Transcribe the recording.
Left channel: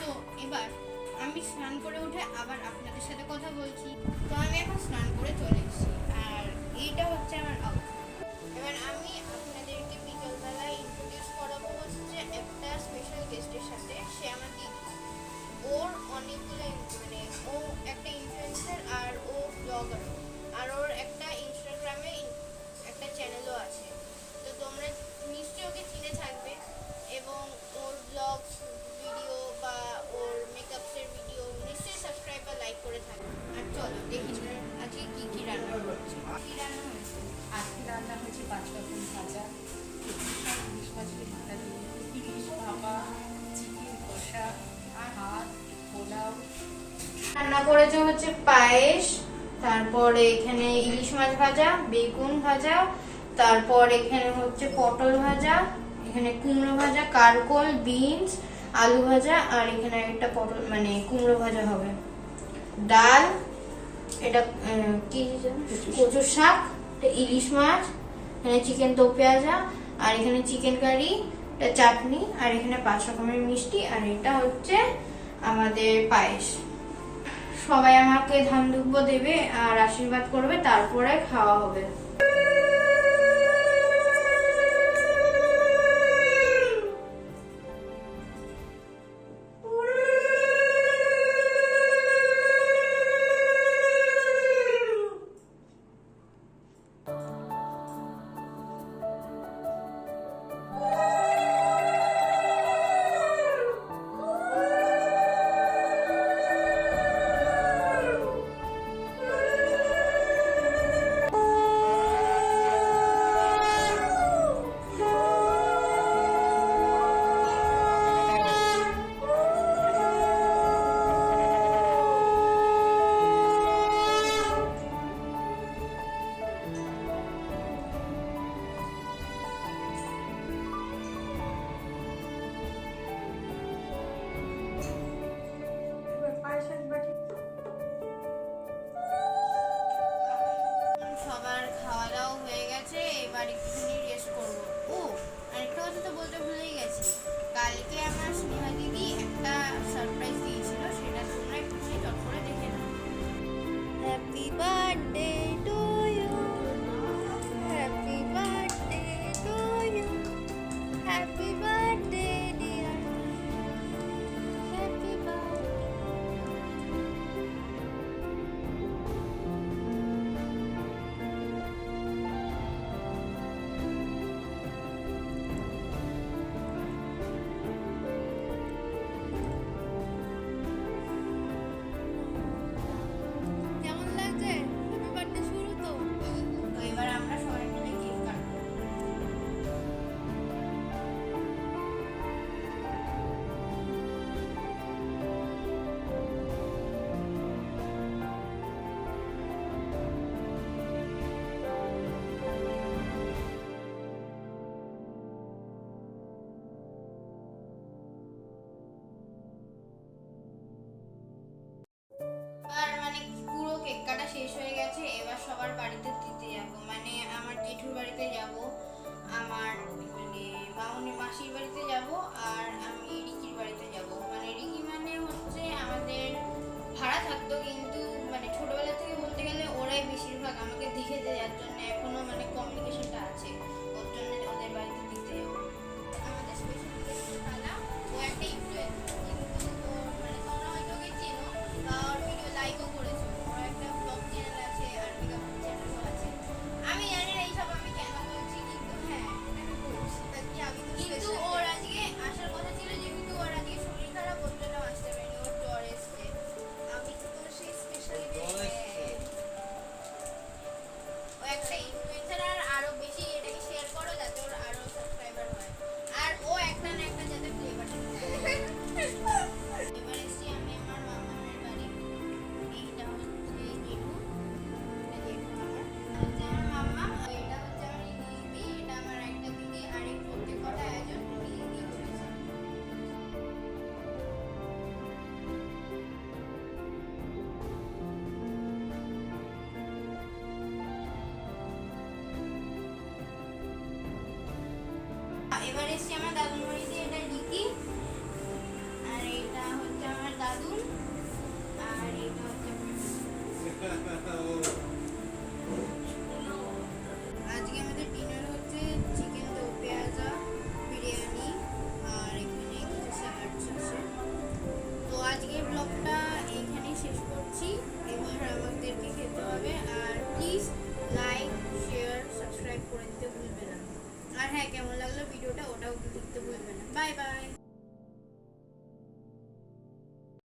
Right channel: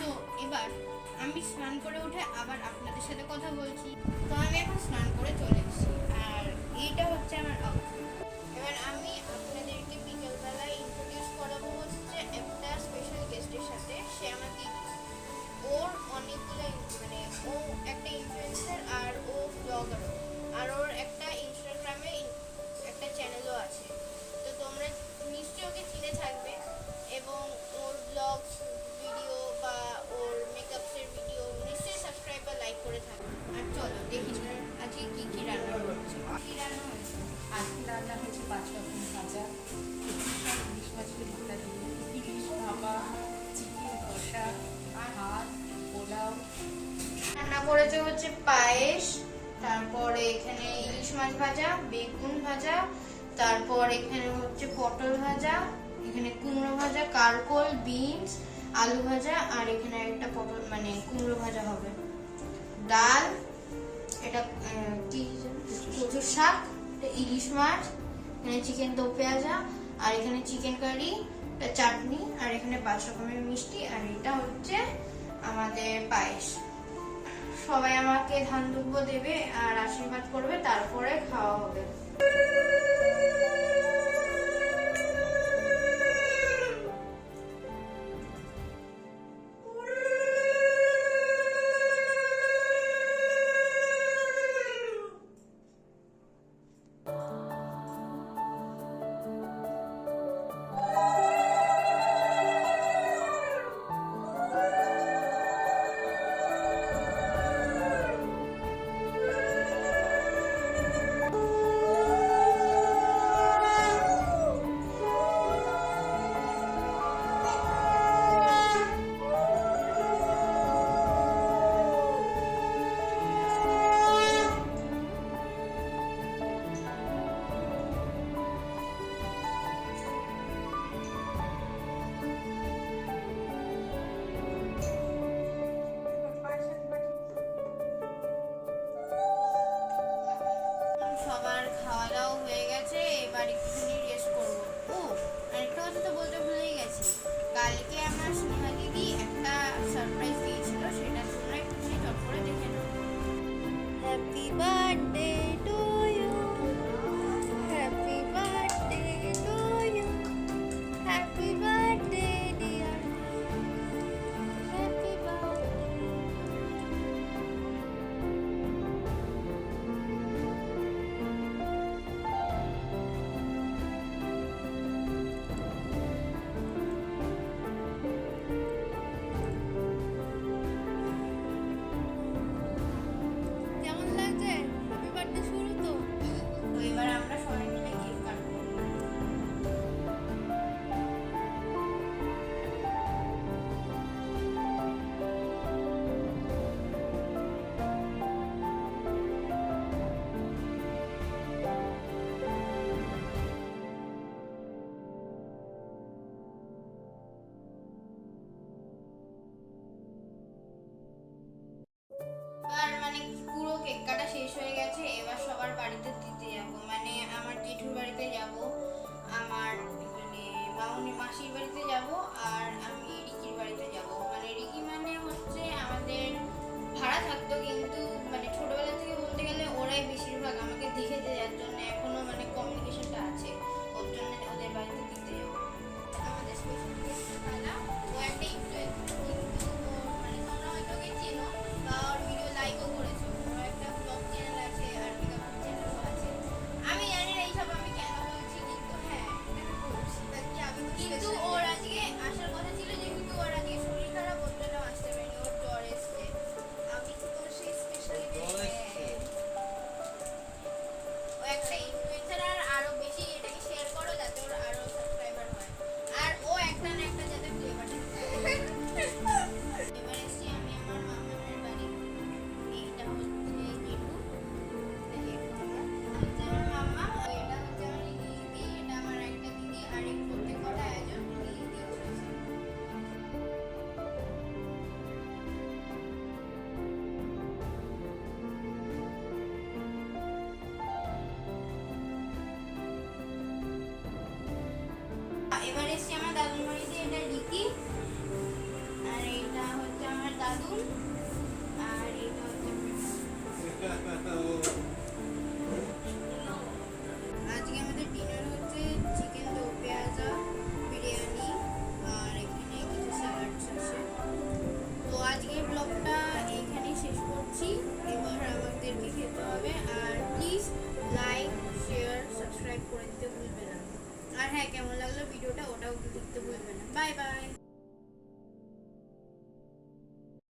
তো এবার আমি স্নান করে উঠে আবার আপনাদের সাথে কথা বলছি। তো আমি এখন স্নান করে চলে এসেছি। করে থাকবে আর চলো দেখি আজকে কি কি রান্না করছে কি রান্না হয়েছে? আজকে রান্না হয়েছে পাঁচ রকম ভাজা। ইলিশ মাছের মাথা দিয়ে ইলিশ ভাপা চিকেন কষা ভাত পোলাও। রান্না করেছে হচ্ছে পায়েস তারপরে এখানে ইলিশ মাছ ভাজা বেগুন ভাজা তারপর এখানে হচ্ছে পটল ভাজা এখানে কুমড়ো ভাজা কারকোল বিনস আলু ভাজা আর এখানে একটা পটল মানে কুমড়ো ভাজা হবে। ডাল, এটা কি কচুর শাক ইলিশ মাছ, এখানে চিকেন দো পেঁয়াজা, আর এখানে চিকেন কারি, এটা চাটনি, আর এখানে পাঁচ রকমের মিষ্টি, আর এটা হচ্ছে আমাদের পায়েস। সবাই আমাকে ধান দুব্ব দেবে আর আশীর্বাদ করবে, তারপরে খাওয়া হবে। সবার খাওয়া দাওয়া হয়ে গেছে, এবার একটুখানি রেস্ট করব। ও, আরেকটা কথা তো বলতে ভুলেই গেছি। কালকে আমার স্নেহা দিদি একটা সারপ্রাইজ দিয়েছিল, সেটা তোমরা একটুখানি চট করে দেখে নাও। হ্যাপি বার্থডে সবার বাড়িতে দিতে যাব। মানে আমার জেঠুর বাড়িতে যাব, আমার মানে মামনি মাসির বাড়িতে যাব আর আমি রিকির বাড়িতে যাব। মানে রিকি মানে হচ্ছে আমাদের ভাড়া থাকতো কিন্তু মানে ছোটবেলা থেকে বলতে গেলে ওরাই বেশিরভাগ আমাকে দেখে দেওয়ার জন্য এখনও মানে কমিউনিকেশনটা আছে। ওর জন্য ওদের বাড়িতে দিতে যাব। আমাদের স্পেশাল ও একটা লিকি আর এটা হচ্ছে আজকে আমাদের ডিনার হচ্ছে চিকেন দো পেঁয়াজা বিরিয়ানি আর এখানে কিছু স্যালাডস আছে। তো আজকে ব্লগটা এইখানেই শেষ করছি। এবার আমাদেরকে খেতে হবে। আর প্লিজ লাইক শেয়ার সাবস্ক্রাইব করে দিতে ভুলবে না। আর হ্যাঁ কেমন লাগল ভিডিওটা ওটাও লিখতে ভুলবে না। Bye bye